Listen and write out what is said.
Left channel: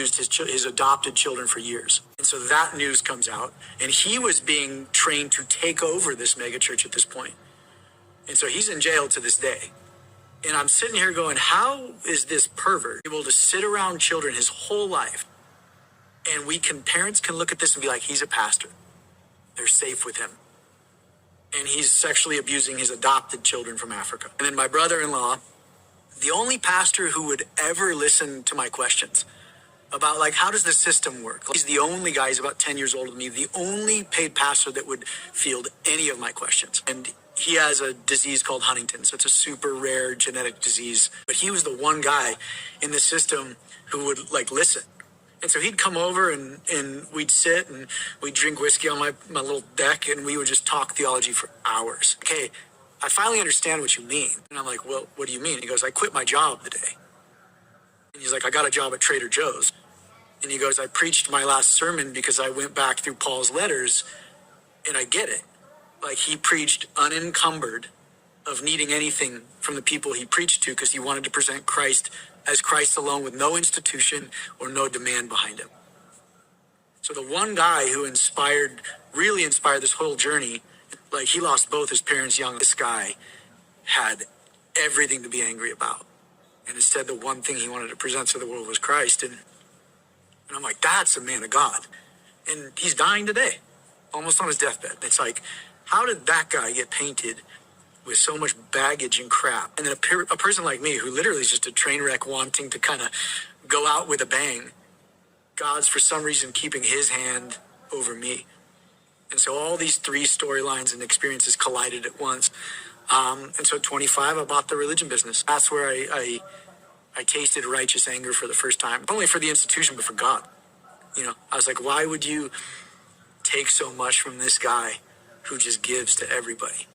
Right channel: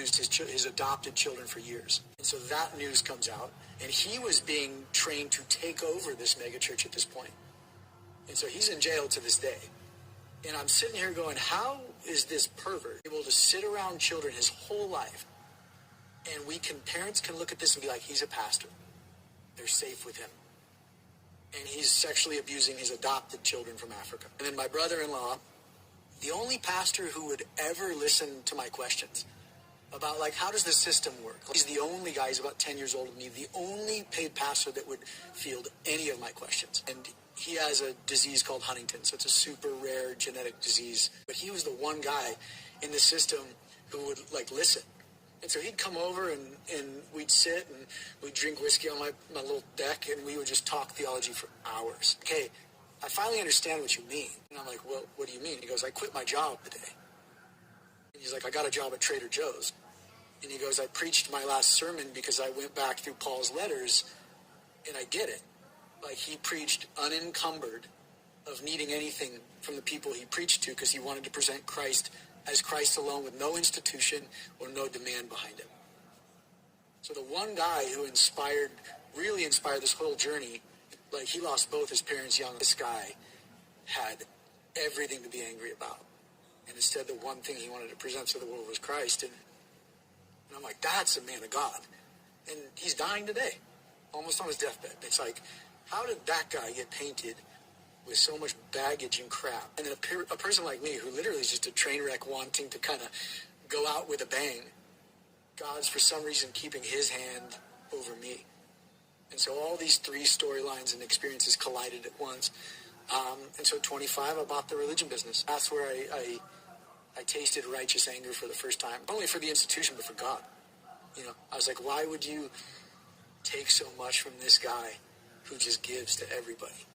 used his adopted children for years. And so that news comes out, and he was being trained to take over this megachurch at this point. And so he's in jail to this day. And I'm sitting here going, how is this pervert able to sit around children his whole life? And parents can look at this and be like, he's a pastor. They're safe with him. And he's sexually abusing his adopted children from Africa. And then my brother-in-law, the only pastor who would ever listen to my questions about, like, how does the system work? He's the only guy, he's about 10 years older than me, the only paid pastor that would field any of my questions. And he has a disease called Huntington, so it's a super rare genetic disease. But he was the one guy in the system who would, like, listen. And so he'd come over and we'd sit and we'd drink whiskey on my little deck and we would just talk theology for hours. Okay, I finally understand what you mean. And I'm like, well, what do you mean? He goes, I quit my job today. And he's like, I got a job at Trader Joe's. And he goes, I preached my last sermon because I went back through Paul's letters and I get it. Like, he preached unencumbered of needing anything from the people he preached to because he wanted to present Christ as Christ alone with no institution or no demand behind him. So the one guy who really inspired this whole journey, like, he lost both his parents young. This guy had everything to be angry about. And instead, the one thing he wanted to present to the world was Christ. And I'm like, that's a man of God. And he's dying today, almost on his deathbed. It's like, how did that guy get painted with so much baggage and crap? And then a person like me, who literally is just a train wreck wanting to kind of go out with a bang, God's for some reason keeping his hand over me. And so all these three storylines and experiences collided at once. And so at 25, I bought the religion business. That's where I tasted righteous anger for the first time. Not only for the institution, but for God. You know, I was like, why would you take so much from this guy who just gives to everybody?